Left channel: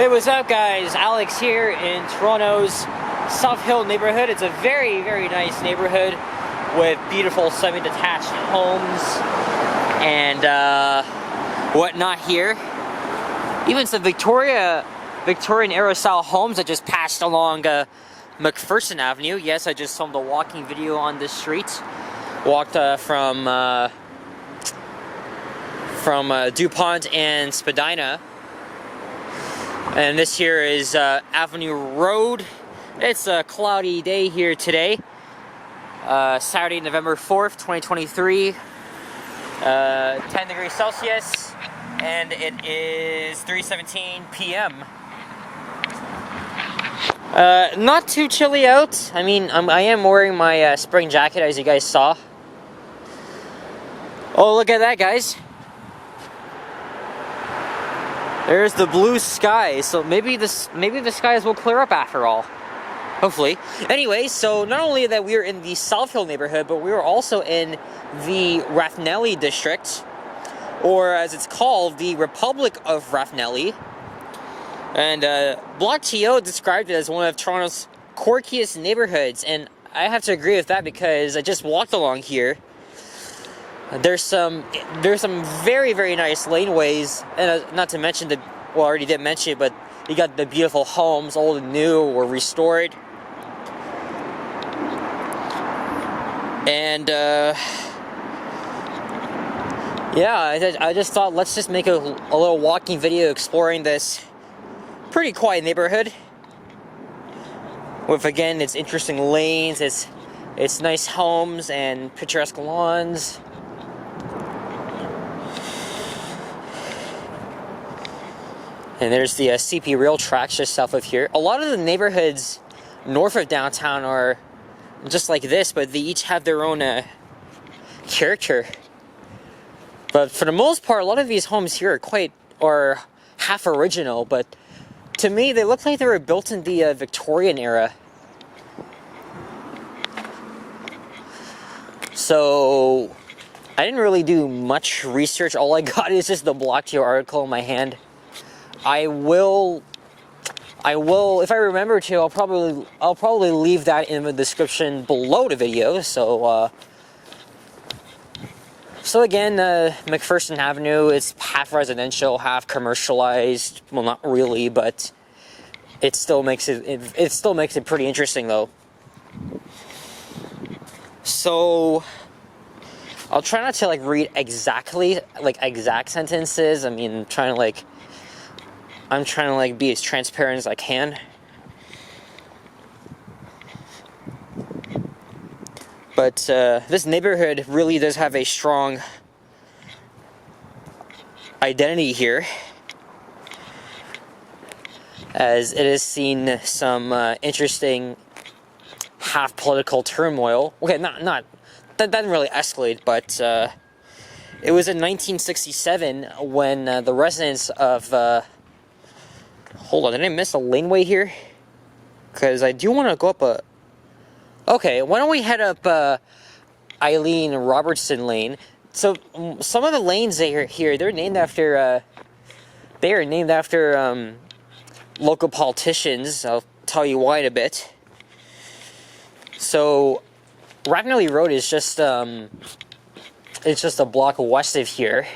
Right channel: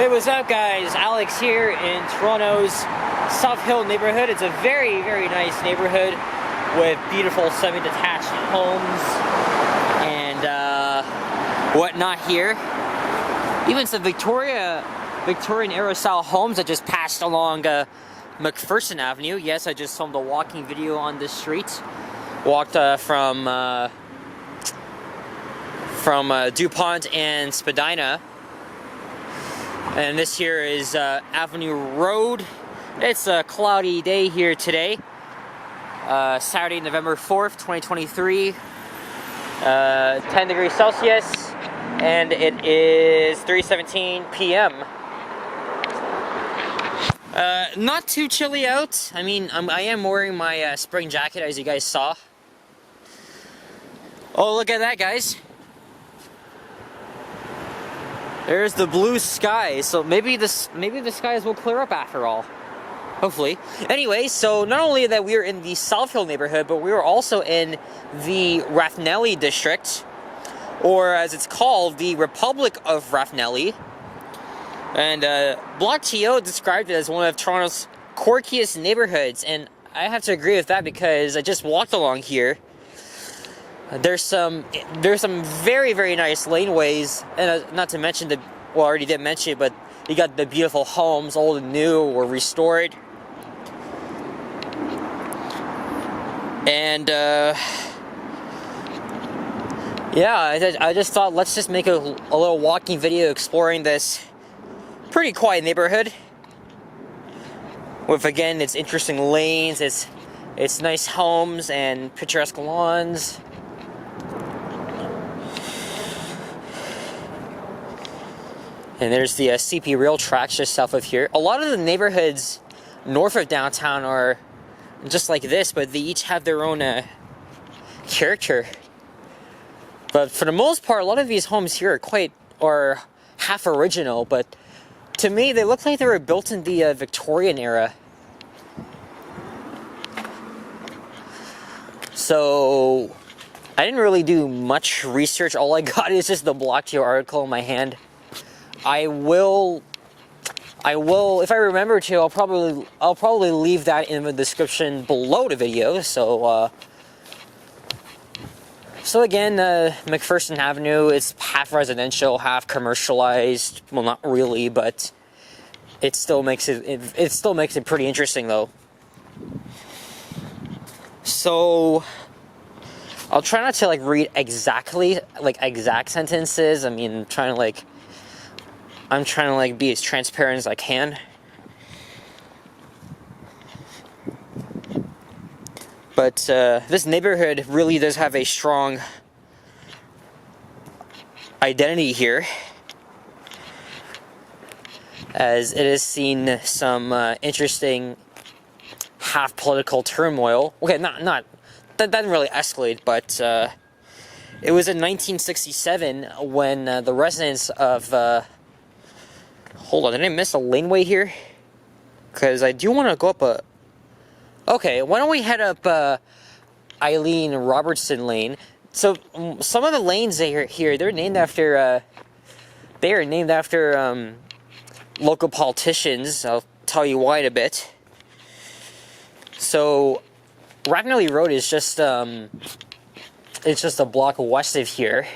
Hey, what's up guys? Alex here in Toronto's South Hill neighborhood. It's a very, very nice neighborhood with beautiful semi-detached homes and whatnot here. Even some Victorian era style homes that just passed along McPherson Avenue. Yes, I just filmed a walking video on this street. Walked from DuPont and Spadina. And this here is Avenue Road. It's a cloudy day here today. Saturday, November 4th, 2023. 10 degrees Celsius. And it is 3:17 p.m. Not too chilly out. I mean, I am wearing my spring jacket, as you guys saw. Oh, look at that, guys. There's the blue sky, so maybe the skies will clear up after all. Hopefully. Anyway, so not only that we are in the South Hill neighborhood, but we are also in the Rathnelly district, or as it's called, the Republic of Rathnelly. And Block TO described it as one of Toronto's quirkiest neighborhoods, and I have to agree with that because I just walked along here. There's some very, very nice laneways, and not to mention I already did mention it, but you got the beautiful homes, old and new, or restored. And yeah, I just thought let's just make a little walking video exploring this pretty quiet neighborhood. With, again, its interesting lanes, its nice homes and picturesque lawns. And there's the CP rail tracks just south of here. A lot of the neighborhoods north of downtown are just like this, but they each have their own character. But for the most part, a lot of these homes here are half original, but to me, they look like they were built in the Victorian era. So I didn't really do much research. All I got is just the Block TO article in my hand. I will, if I remember to, I'll probably leave that in the description below the video. So, again, McPherson Avenue, it's half residential, half commercialized. Well, not really, but it still makes it pretty interesting, though. So, I'll try not to read exact sentences. I mean, I'm trying to be as transparent as I can. But this neighborhood really does have a strong identity here, as it has seen some interesting half political turmoil. Okay, that didn't really escalate, but it was in 1967 when the residents of hold on, did I miss a laneway here? Because I do want to go up a... Okay, why don't we head up Eileen Robertson Lane. So, some of the lanes here, they're named after... they are named after local politicians. I'll tell you why in a bit. So, Rathnelly Road is just... it's just a block west of here.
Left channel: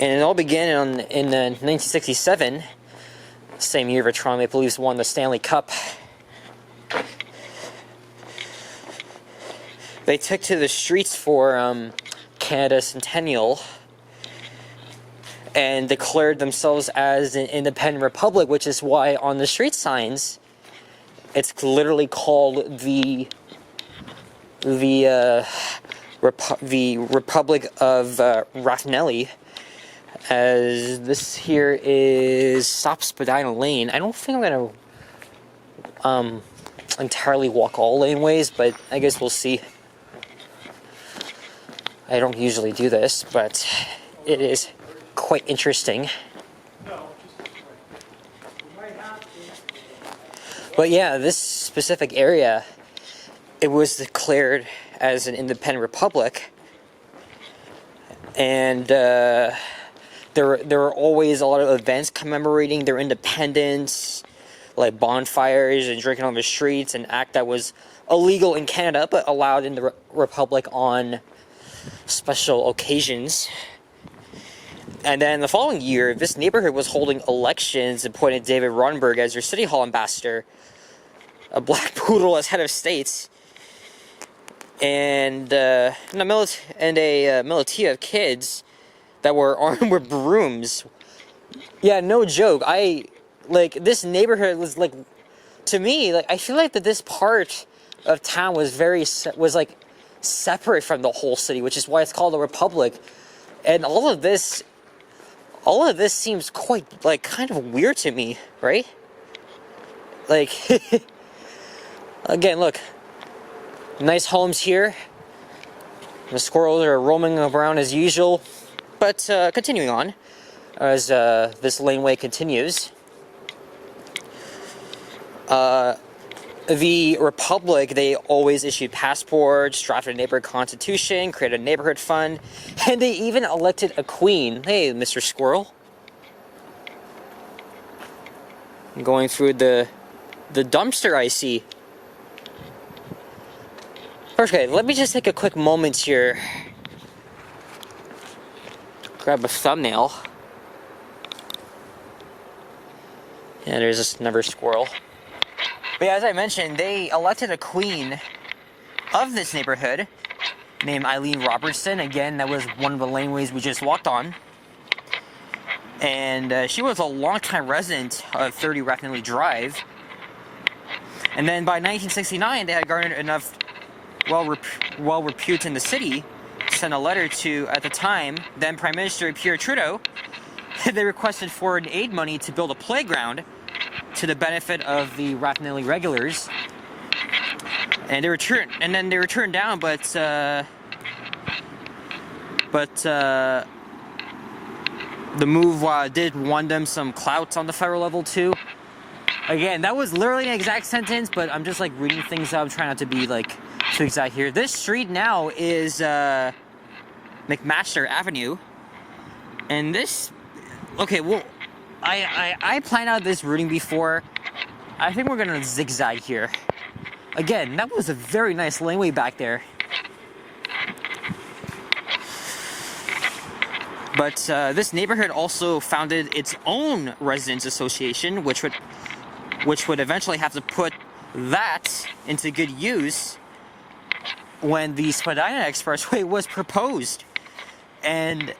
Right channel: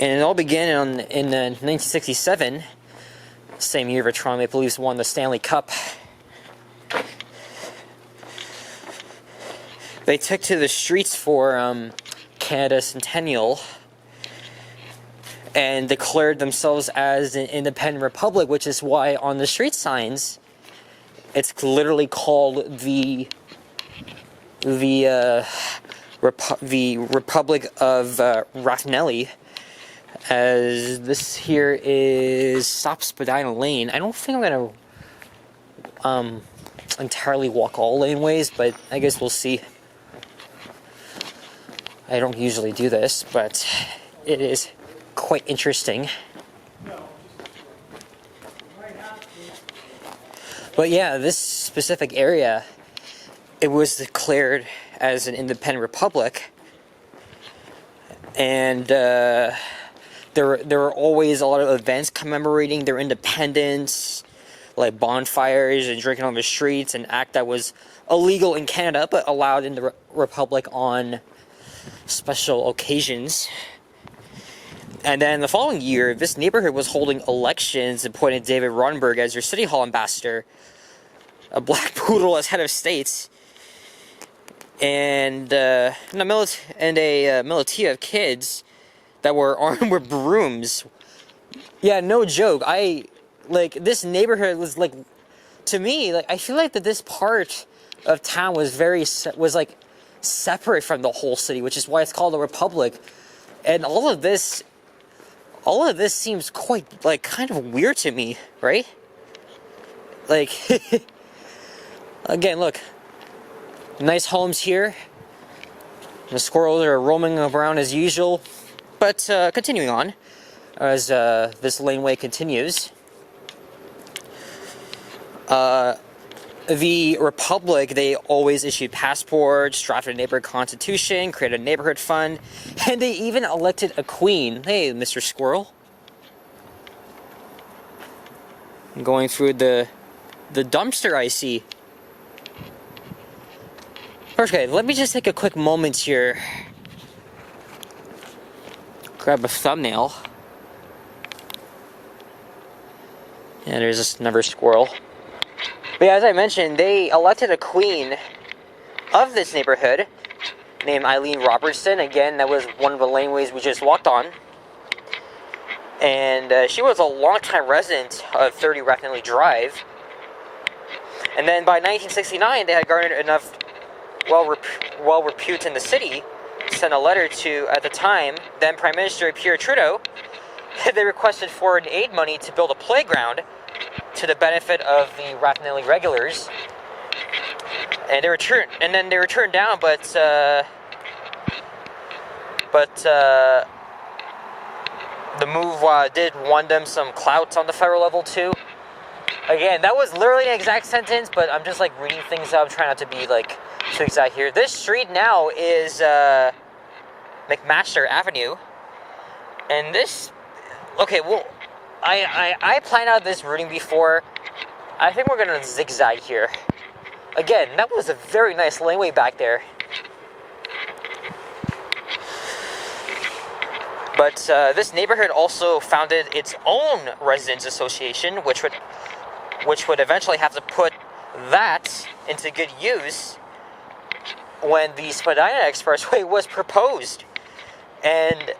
And it all began in 1967, same year that Toronto Maple Leafs won the Stanley Cup. They took to the streets for Canada's centennial and declared themselves as an independent republic, which is why on the street signs it's literally called the Republic of Rathnelly. As this here is Stop Spadina Lane. I don't think I'm gonna entirely walk all laneways, but I guess we'll see. I don't usually do this, but it is quite interesting. But yeah, this specific area, it was declared as an independent republic, and there were always a lot of events commemorating their independence, like bonfires and drinking on the streets, an act that was illegal in Canada but allowed in the Republic on special occasions. And then the following year, this neighborhood was holding elections and appointed David Ronberg as their city hall ambassador, a black poodle as head of state, and a militia of kids that were armed with brooms. Yeah, no joke. This neighborhood was like, to me, like, I feel like that this part of town was like separate from the whole city, which is why it's called a republic. And all of this seems quite, like, kind of weird to me, right? Like, again, look, nice homes here. The squirrels are roaming around as usual. But continuing on, as this laneway continues, the Republic, they always issued passports, drafted a neighborhood constitution, created a neighborhood fund, and they even elected a queen. Hey, Mr. Squirrel. I'm going through the dumpster I see. Okay, let me just take a quick moment here. Grab a thumbnail. And there's just another squirrel. But yeah, as I mentioned, they elected a queen of this neighborhood named Eileen Robertson. Again, that was one of the laneways we just walked on. And she was a longtime resident of 30 Rathnelly Drive. And then by 1969, they had garnered enough well repute in the city to send a letter to, at the time, then Prime Minister Pierre Trudeau. They requested foreign aid money to build a playground to the benefit of the Rathnelly regulars, and they were turned down. But the move did won them some clout on the federal level too. Again, that was literally an exact sentence, but I'm just like reading things out. I'm trying not to be like too exact here. This street now is McMaster Avenue, and this. Okay, well, I planned out this routing before. I think we're gonna zigzag here. Again, that was a very nice laneway back there. But this neighborhood also founded its own residents association, which would eventually have to put that into good use when the Spadina Expressway was proposed. And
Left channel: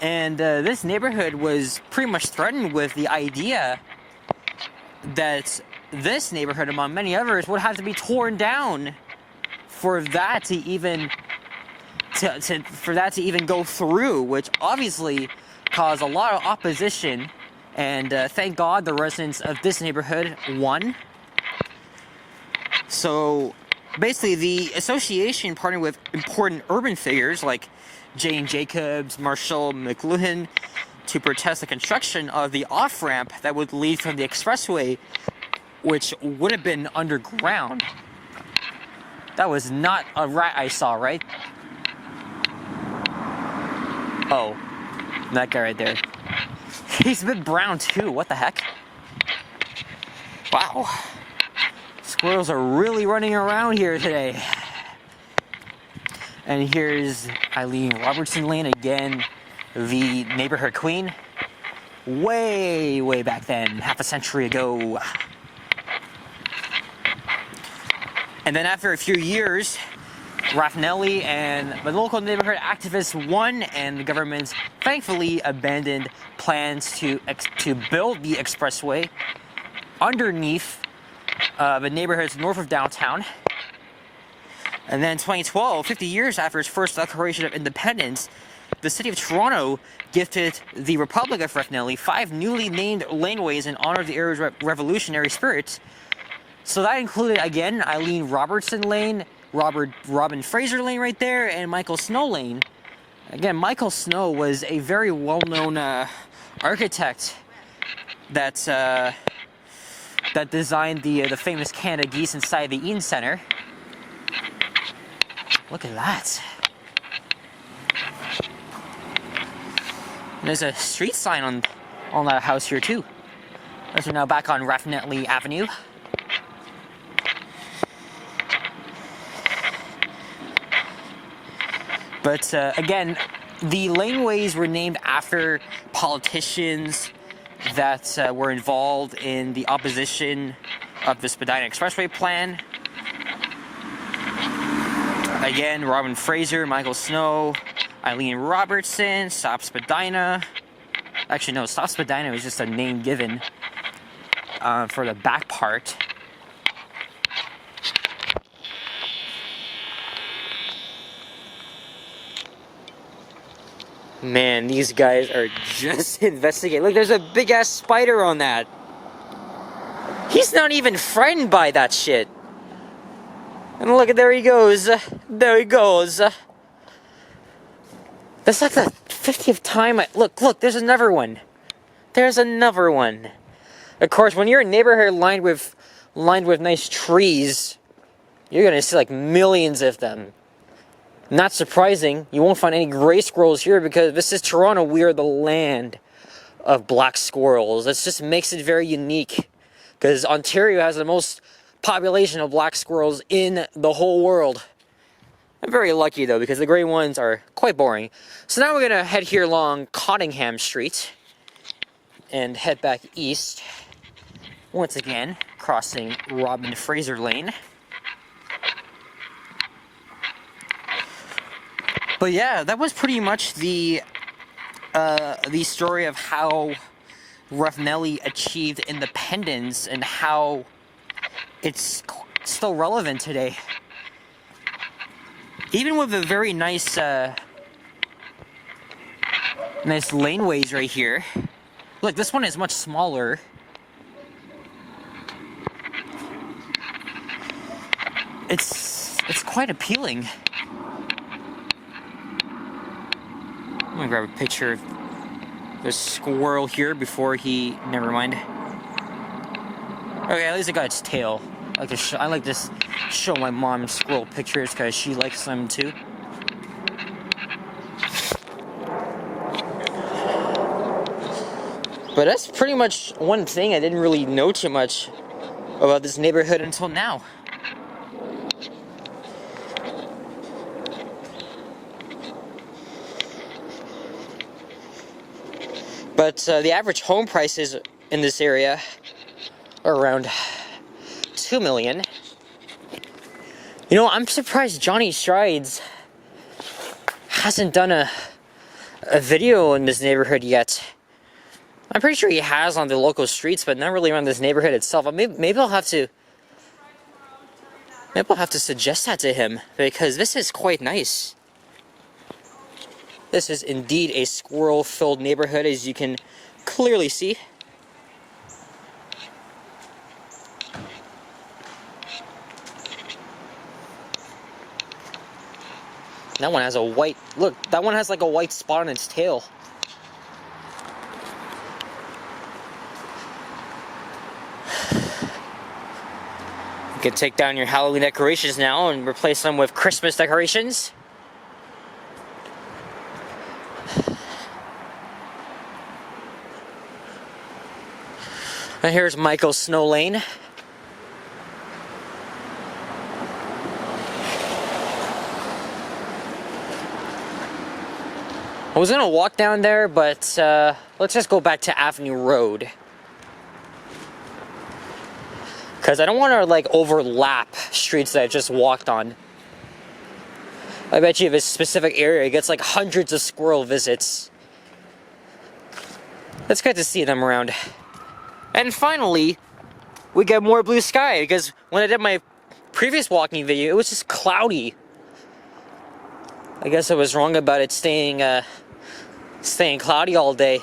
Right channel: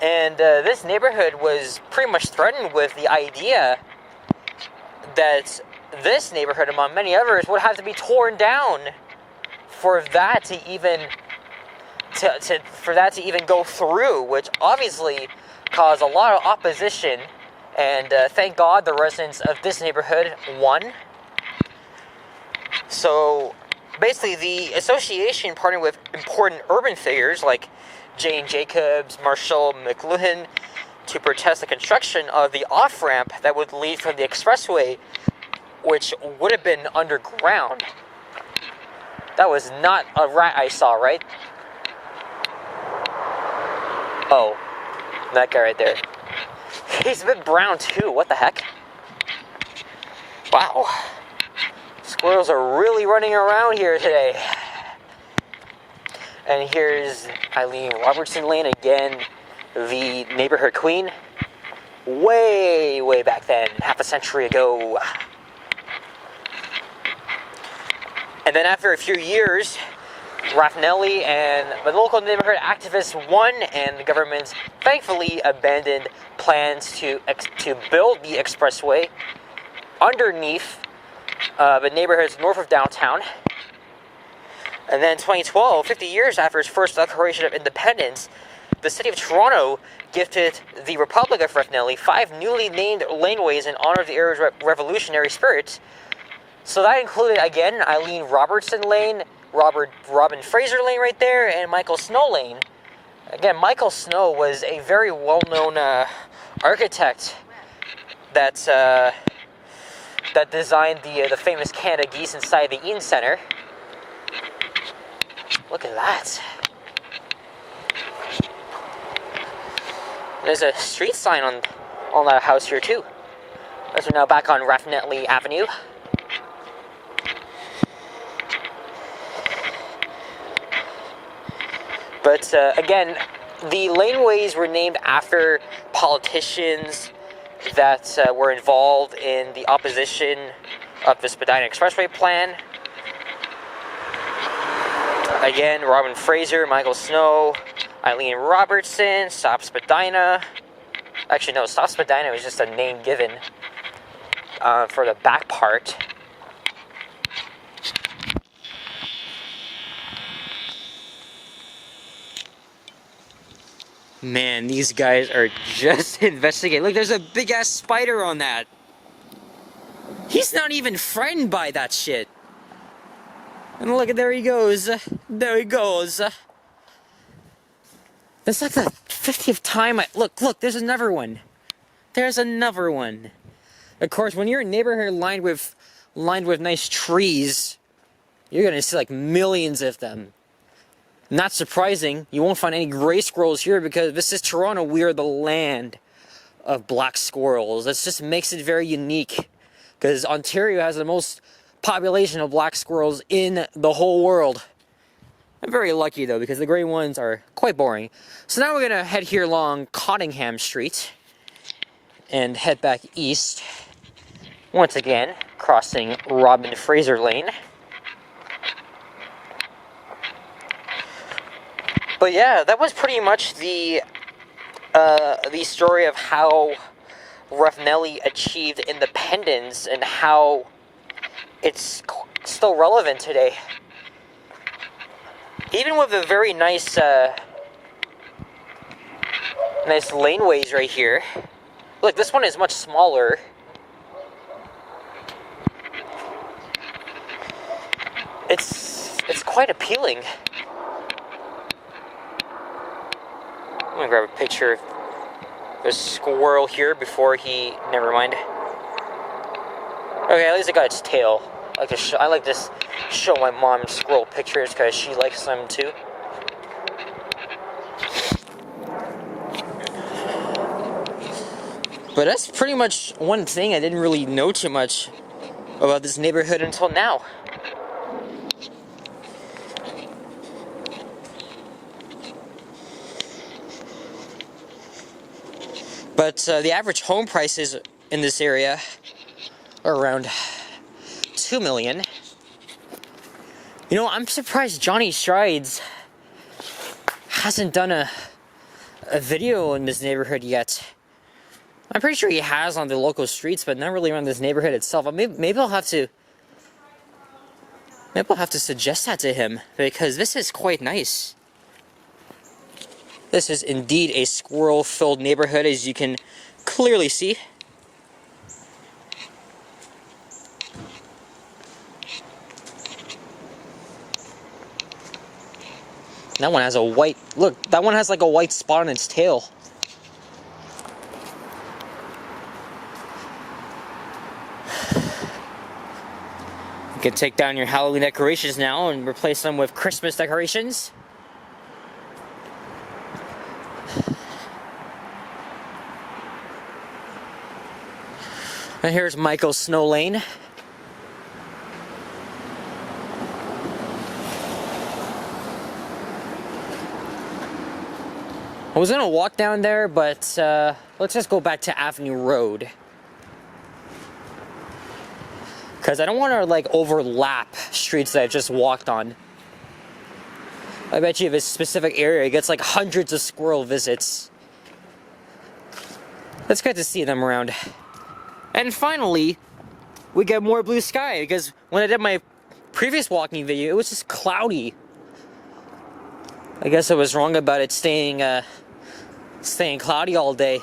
this neighborhood was pretty much threatened with the idea that this neighborhood, among many others, would have to be torn down for that to even go through, which obviously caused a lot of opposition. And thank God the residents of this neighborhood won. So basically, the association partnered with important urban figures like Jane Jacobs, Marshall McLuhan to protest the construction of the off-ramp that would lead from the expressway, which would have been underground. That was not a rat I saw, right? Oh, that guy right there. He's a bit brown too, what the heck? Wow. Squirrels are really running around here today. And here's Eileen Robertson Lane again, the neighborhood queen. Way back then, half a century ago. And then after a few years, Rathnelly and the local neighborhood activists won, and the government thankfully abandoned plans to build the expressway underneath the neighborhoods north of downtown. And then in 2012, 50 years after its first declaration of independence, the city of Toronto gifted the Republic of Rathnelly 5 newly named laneways in honor of the area's revolutionary spirit. So that included, again, Eileen Robertson Lane, Robin Fraser Lane right there, and Michael Snow Lane. Again, Michael Snow was a very well-known architect that designed the famous Canada Geese inside the Eaton Centre. Look at that. There's a street sign on that house here too. As we're now back on Rathnelly Avenue. But again, the laneways were named after politicians that were involved in the opposition of the Spadina Expressway plan. Again, Robin Fraser, Michael Snow, Eileen Robertson, Stop Spadina. Actually, no, Stop Spadina was just a name given for the back part. Man, these guys are just investigating. Look, there's a big ass spider on that. He's not even frightened by that shit. And look, there he goes. There he goes. That's like the 50th time look, there's another one. There's another one. Of course, when you're in a neighborhood lined with nice trees, you're gonna see like millions of them. Not surprising, you won't find any gray squirrels here because this is Toronto. We are the land of black squirrels. That just makes it very unique because Ontario has the most population of black squirrels in the whole world. I'm very lucky though because the gray ones are quite boring. So now we're gonna head here along Cottingham Street and head back east. Once again, crossing Robin Fraser Lane. But yeah, that was pretty much the story of how Rathnelly achieved independence and how it's still relevant today. Even with the very nice nice laneways right here. Look, this one is much smaller. It's quite appealing. I'm gonna grab a picture of the squirrel here before he. Never mind. Okay, at least I got its tail. I like to show my mom squirrel pictures because she likes them too. But that's pretty much one thing I didn't really know too much about this neighborhood until now. But the average home prices in this area are around $2 million. You know, I'm surprised Johnny Strides hasn't done a video in this neighborhood yet. I'm pretty sure he has on the local streets, but not really around this neighborhood itself. Maybe I'll have to suggest that to him because this is quite nice. This is indeed a squirrel-filled neighborhood, as you can clearly see. That one has a white, look, that one has like a white spot on its tail. You can take down your Halloween decorations now and replace them with Christmas decorations. And here's Michael Snow Lane. I was gonna walk down there, but let's just go back to Avenue Road. Because I don't want to like overlap streets that I just walked on. I bet you if a specific area gets like hundreds of squirrel visits. It's good to see them around. And finally, we get more blue sky because when I did my previous walking video, it was just cloudy. I guess I was wrong about it staying cloudy all day.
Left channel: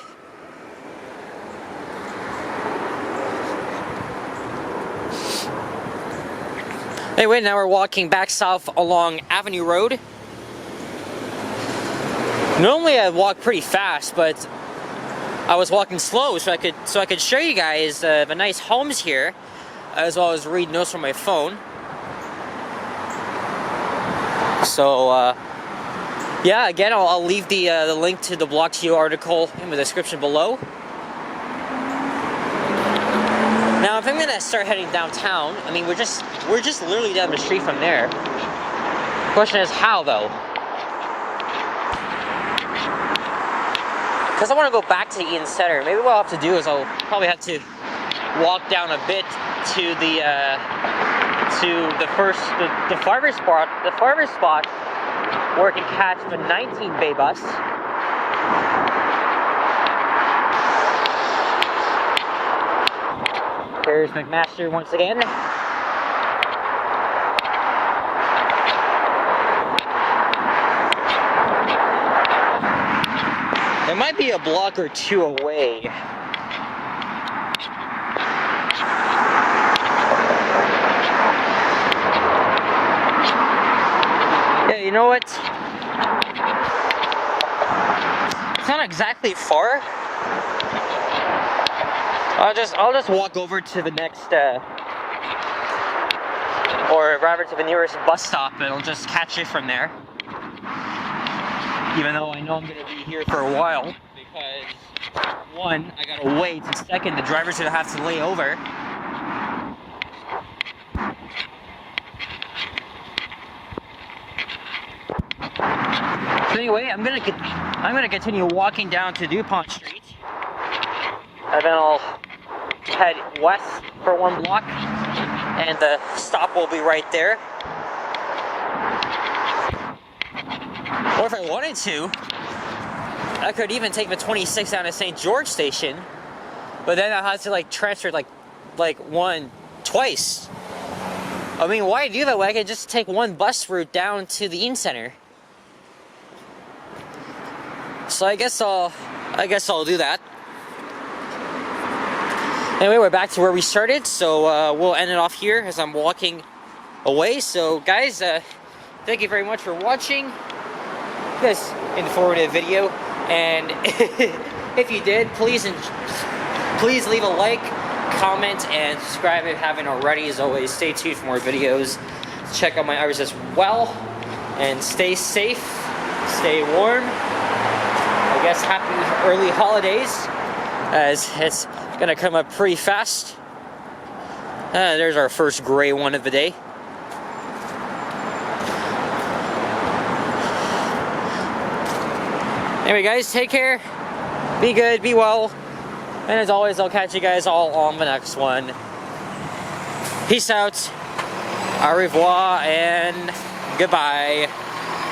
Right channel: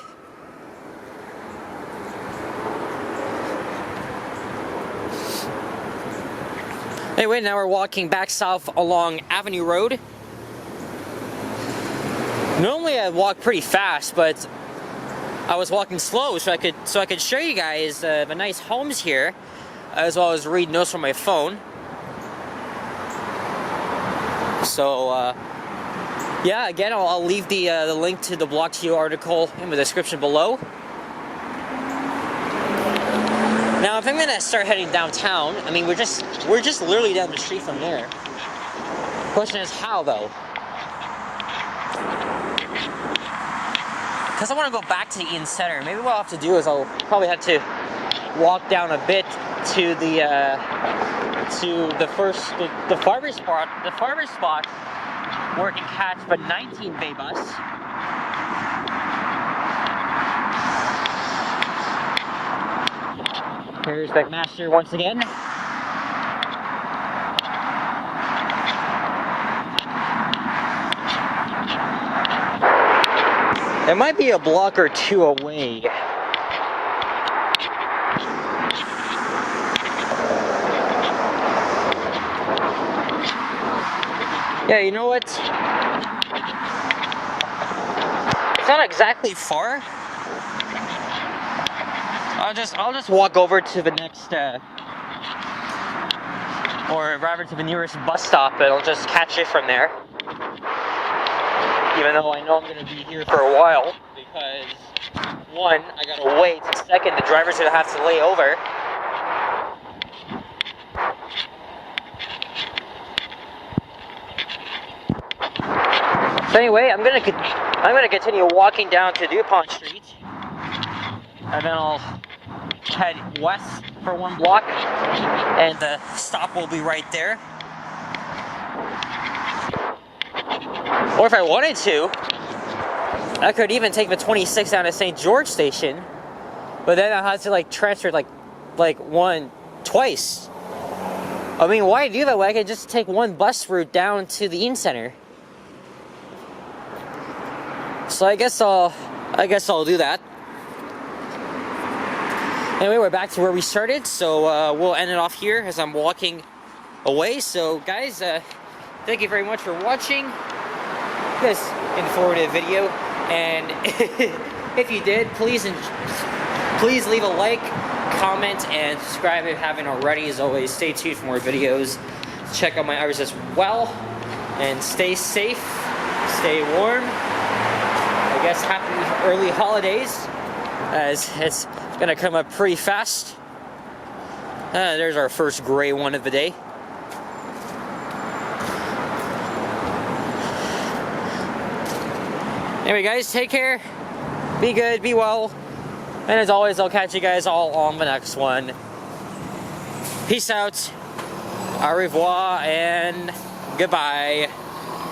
Anyway, now we're walking back south along Avenue Road. Normally I walk pretty fast, but I was walking slow so I could show you guys the nice homes here, as well as read notes from my phone. So Yeah, again, I'll leave the link to the Block TO article in the description below. Now, if I'm gonna start heading downtown, I mean, we're just literally down the street from there. Question is how, though? Because I want to go back to the Eaton Center. Maybe what I'll have to do is I'll probably have to walk down a bit to the farmer's spot where I can catch the 19 bay bus. Here's McMaster once again. It might be a block or two away. Yeah, you know what? It's not exactly far. I'll just walk over to the next, or rather to the nearest bus stop, and I'll just catch it from there. Even though I know I'm gonna be here for a while, because one, I gotta wait, and second, the driver's gonna have to lay over. So anyway, I'm gonna continue walking down to DuPont Street, and then I'll head west for 1 block, and the stop will be right there. Or if I wanted to, I could even take the 26 down to St. George Station, but then I'll have to like transfer like twice. I mean, why do that way? I could just take 1 bus route down to the Eaton Center. So I guess I'll do that. Anyway, we're back to where we started, so we'll end it off here as I'm walking away. So guys, thank you very much for watching this informative video, and if you did, please leave a like, comment, and subscribe if you haven't already. As always, stay tuned for more videos. Check out my others as well, and stay safe, stay warm. I guess happy early holidays, as it's gonna come up pretty fast. There's our first gray one of the day. Anyway guys, take care, be good, be well, and as always, I'll catch you guys all on the next one. Peace out, au revoir, and goodbye.